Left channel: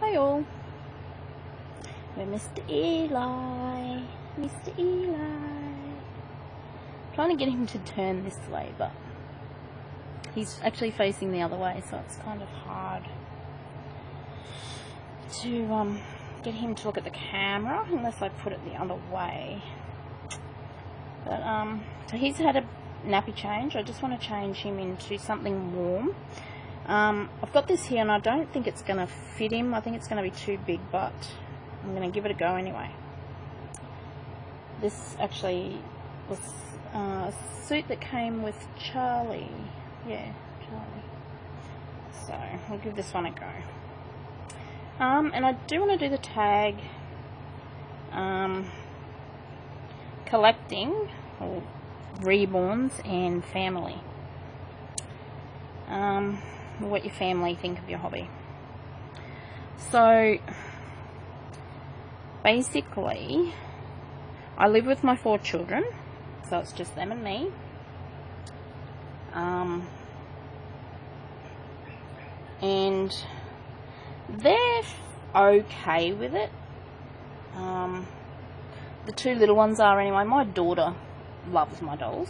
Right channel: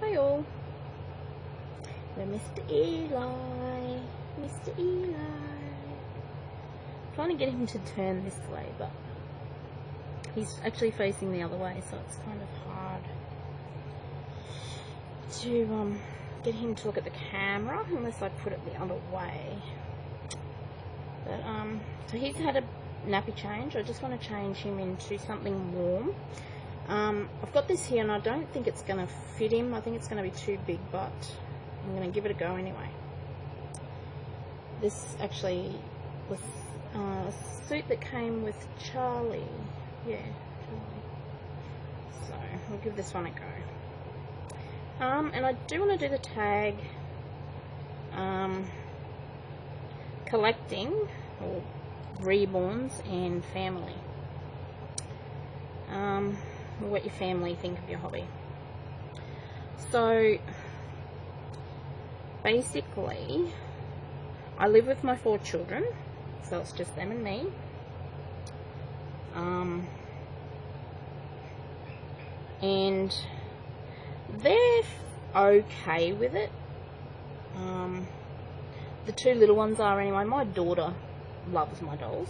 Hi all. We're Mr. Eli. Mr. Eli. Trying to get him to turn this way, but he's actually facing the other way, so it's kind of hard to get him to look at the camera unless I put it the other way. But so he's had a nappy change. I just want to change him into something warm. I've got this here and I don't think it's going to fit him. I think it's going to be too big, but I'm going to give it a go anyway. This actually was a suit that came with Charlie. Yeah, Charlie. So I'll give this one a go. And I do want to do the tag collecting or reborns and family. What your family think of your hobby. So basically I live with my 4 children, so it's just them and me. And they're okay with it. The 2 little ones are anyway. My daughter loves my dolls.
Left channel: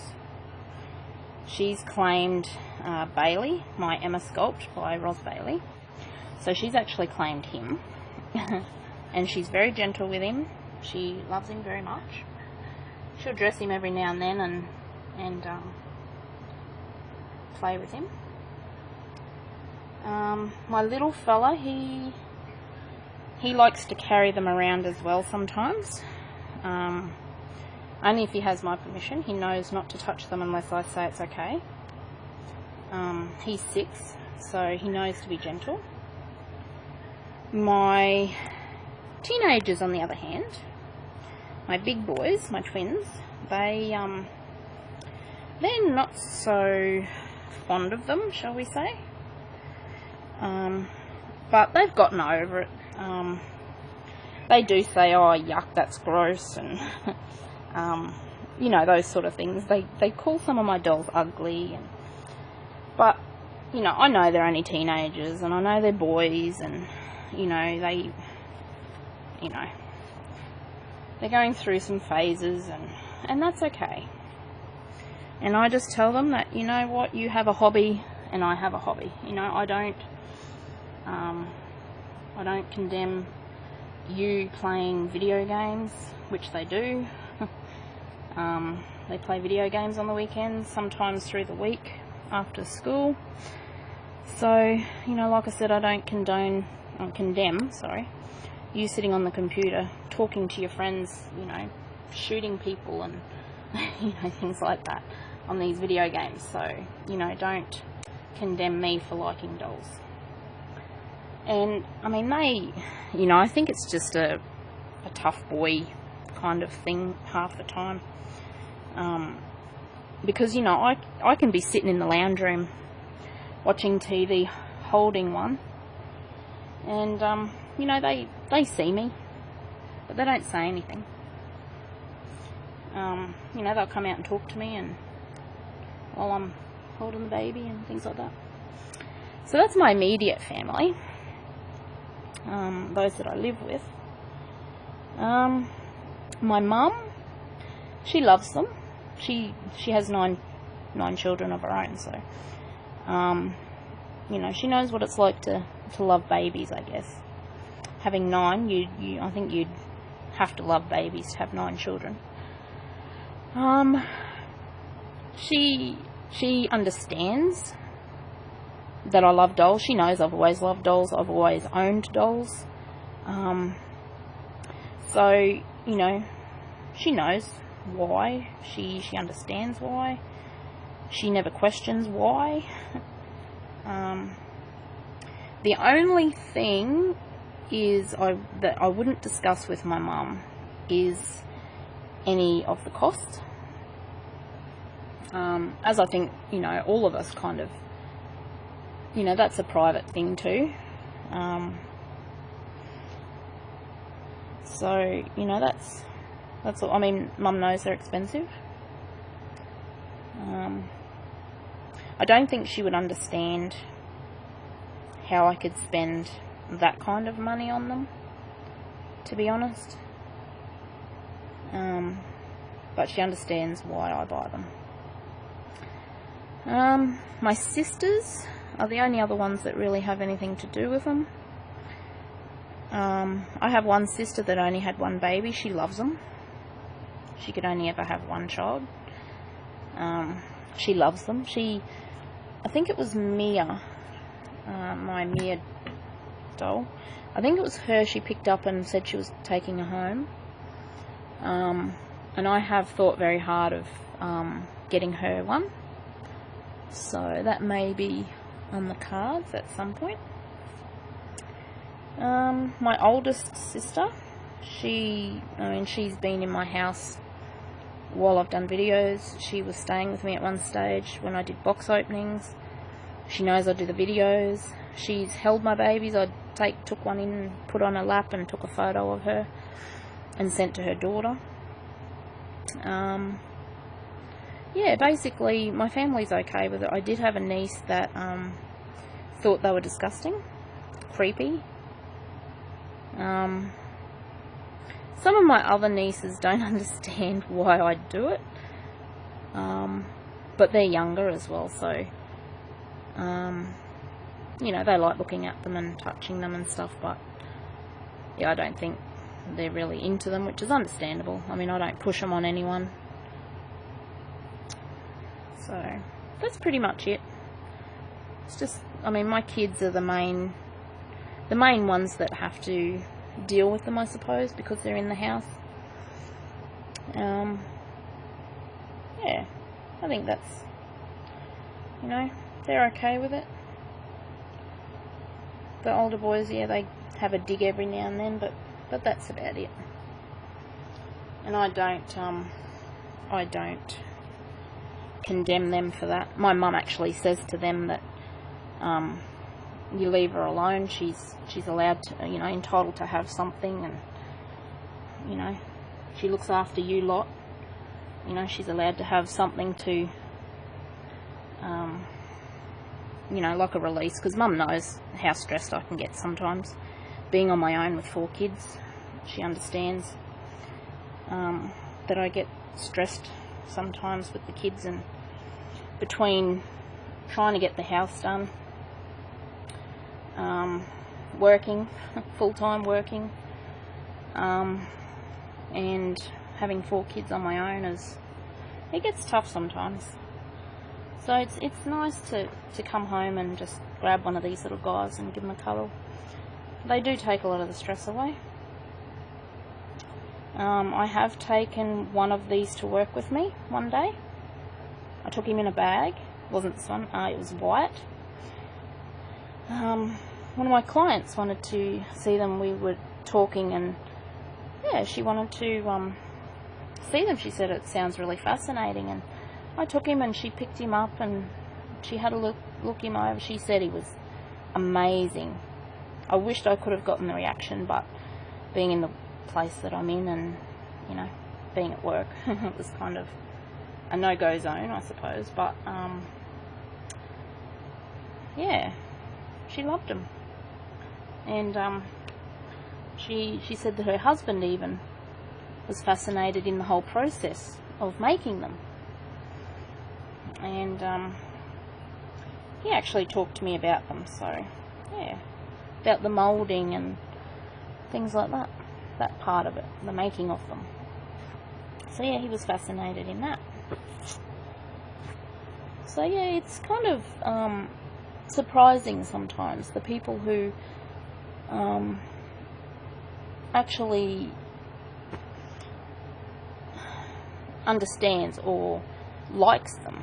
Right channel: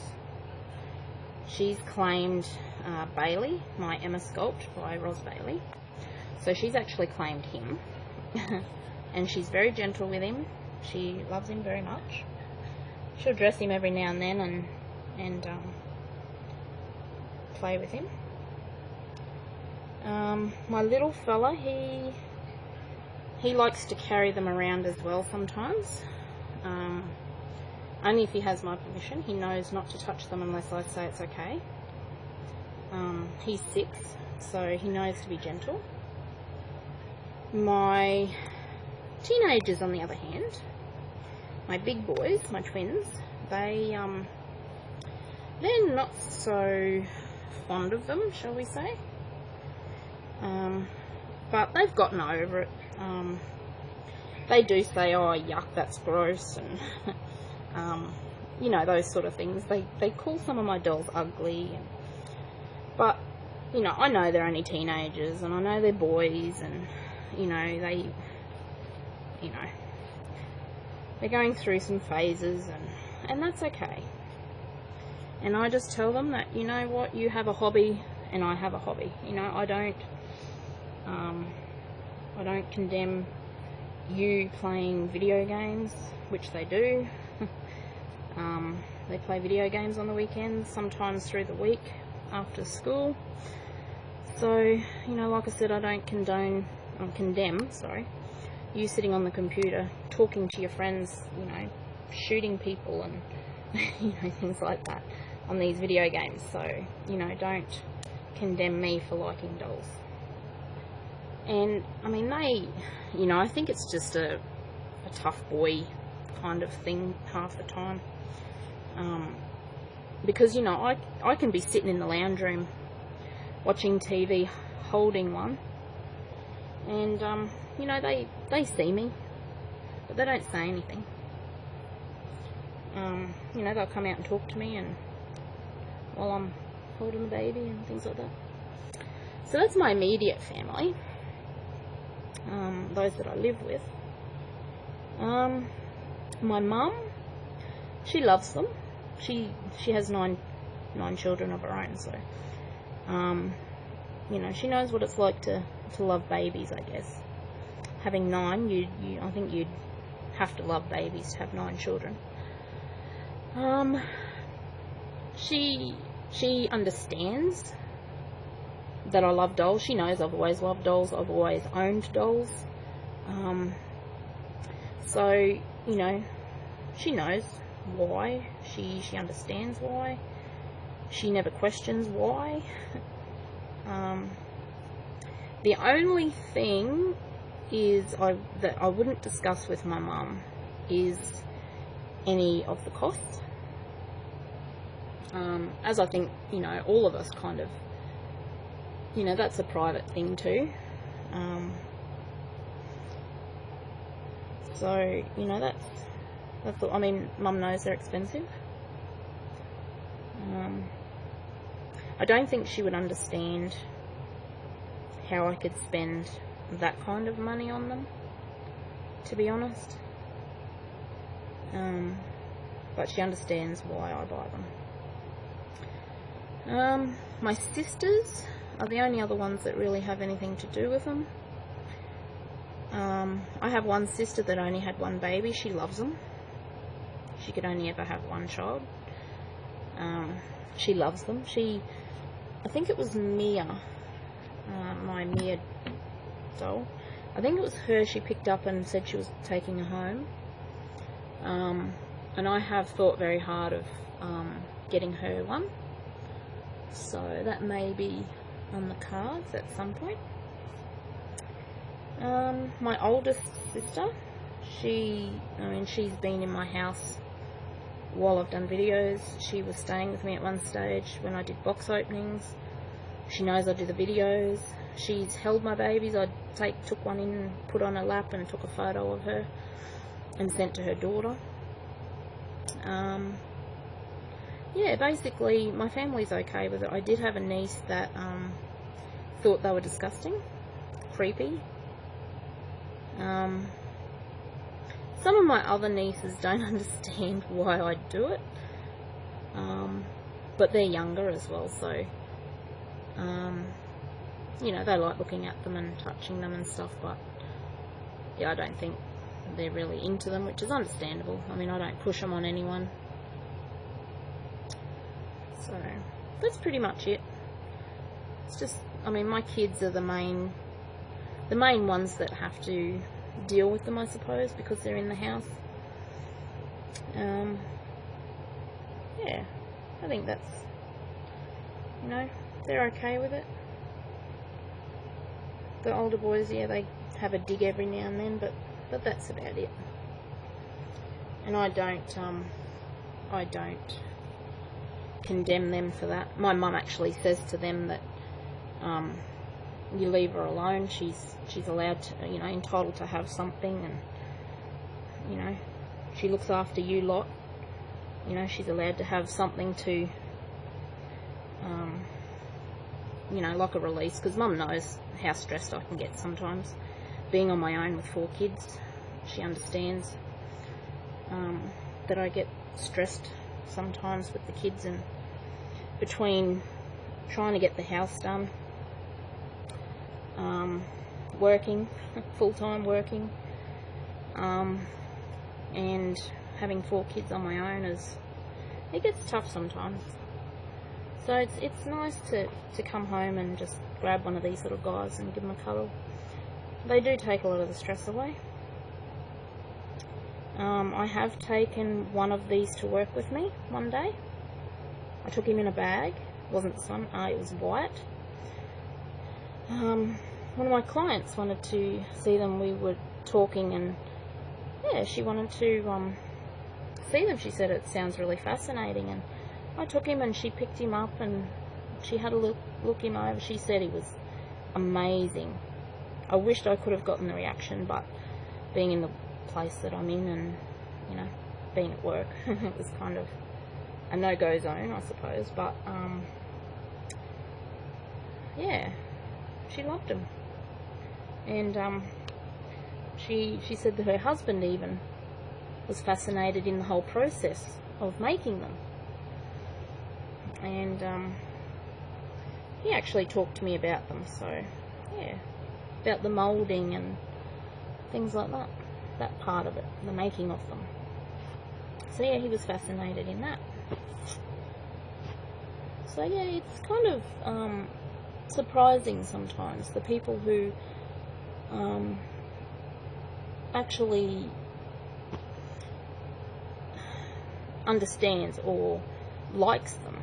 She's claimed Bailey, my Emma Sculpt by Ros Bailey. So she's actually claimed him. And she's very gentle with him. She loves him very much. She'll dress him every now and then and play with him. My little fella, he likes to carry them around as well sometimes. Only if he has my permission. He knows not to touch them unless I say it's okay. He's 6, so he knows to be gentle. My teenagers, on the other hand, my big boys, my twins, they're not so fond of them, shall we say. But they've gotten over it. They do say, oh yuck, that's gross, and you know, those sort of things. They call some of my dolls ugly, but you know, I know they're only teenagers, and I know they're boys, and you know, they're going through some phases, and that's okay. And I just tell them that, you know what, you have a hobby and I have a hobby. You know, I don't condemn you playing video games, which they do. They play video games on the weekends, sometimes through the week after school. So, you know, like I said, I don't condemn, you sitting on the computer, talking to your friends, you know, shooting people and, you know, things like that on these video games. So, you know, don't condemn me for liking dolls. And, I mean, they, you know, I think it's just a tough boy kind of thing half the time. Because, you know, I can be sitting in the lounge room watching TV, holding one, and, you know, they see me, but they don't say anything. You know, they'll come out and talk to me and while I'm holding the baby and things like that. So that's my immediate family, those that I live with. My mum, she loves them. She has nine children of her own, so you know, she knows what it's like to love babies, I guess. Having 9, I think you'd have to love babies to have 9 children. She understands that I love dolls. She knows I've always loved dolls. I've always owned dolls. So, you know, she knows why. She understands why. She never questions why. The only thing is that I wouldn't discuss with my mum is any of the costs. As I think, you know, all of us kind of, you know, that's a private thing too. So, you know, that's all. I mean, Mum knows they're expensive. I don't think she would understand how I could spend that kind of money on them, to be honest. But she understands why I buy them. My sisters are the only other ones that really have anything to do with them. I have one sister that only had one baby. She loves them. She could only ever have one child. She loves them. I think it was Mia, my Mia doll. I think it was her she picked up and said she was taking her home. And I have thought very hard of getting her one. So that may be on the cards at some point. My oldest sister, she's been in my house while I've done videos. She was staying with me at one stage when I did box openings. She knows I do the videos. She's held my babies. I took one in, put on her lap and took a photo of her and sent to her daughter. Yeah, basically my family's okay with it. I did have a niece that thought they were disgusting, creepy. Some of my other nieces don't understand why I do it, but they're younger as well, so you know, they like looking at them and touching them and stuff, but yeah, I don't think they're really into them, which is understandable. I mean, I don't push them on anyone. So that's pretty much it. It's just, I mean, my kids are the main ones that have to deal with them, I suppose, because they're in the house. Yeah, I think that's, you know, they're okay with it. The older boys, yeah, they have a dig every now and then, but that's about it. And I don't condemn them for that. My mum actually says to them that you leave her alone. She's allowed to, you know, entitled to have something, and you know, she looks after you lot. You know, she's allowed to have something to, you know, like a release, because Mum knows how stressed I can get sometimes being on my own with 4 kids. She understands that I get stressed sometimes with the kids, and between trying to get the house done, working, full-time working, and having 4 kids on my own, it gets tough sometimes. So it's nice to come home and just grab one of these little guys and give them a cuddle. They do take a lot of the stress away. I have taken one of these to work with me one day. I took him in a bag. It wasn't this one, it was Wyatt. One of my clients wanted to see them. We were talking, and yeah, she wanted to see them. She said it sounds really fascinating, and I took him and she picked him up and she had a look him over. She said he was amazing. I wished I could have gotten the reaction, but being in the place that I'm in and, you know, being at work, it was kind of a no-go zone, I suppose, but yeah, she loved him. And she said that her husband even was fascinated in the whole process of making them. And he actually talked to me about them, so yeah, about the moulding and things like that, that part of it, the making of them. So yeah, he was fascinated in that. So yeah, it's kind of surprising sometimes, the people who actually understands or likes them.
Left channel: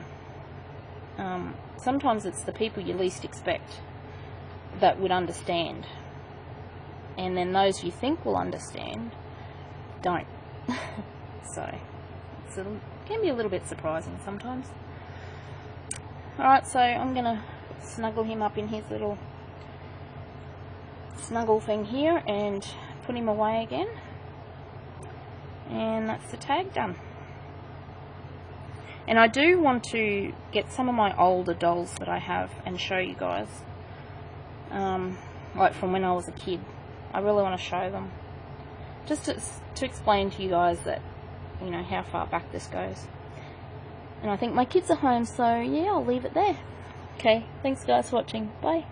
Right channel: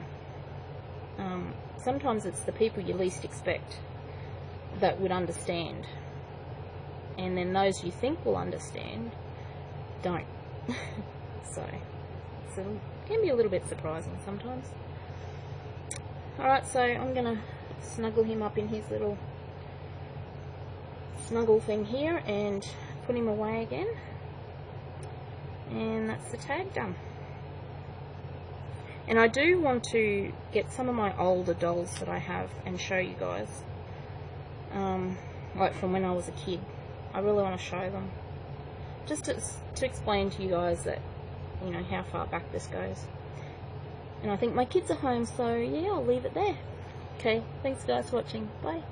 Sometimes it's the people you least expect that would understand, and then those you think will understand don't. So it can be a little bit surprising sometimes. Alright, so I'm going to snuggle him up in his little snuggle thing here and put him away again, and that's the tag done. And I do want to get some of my older dolls that I have and show you guys. like from when I was a kid. I really want to show them, just to explain to you guys that, you know, how far back this goes. And I think my kids are home, so yeah, I'll leave it there. Okay, thanks guys for watching. Bye.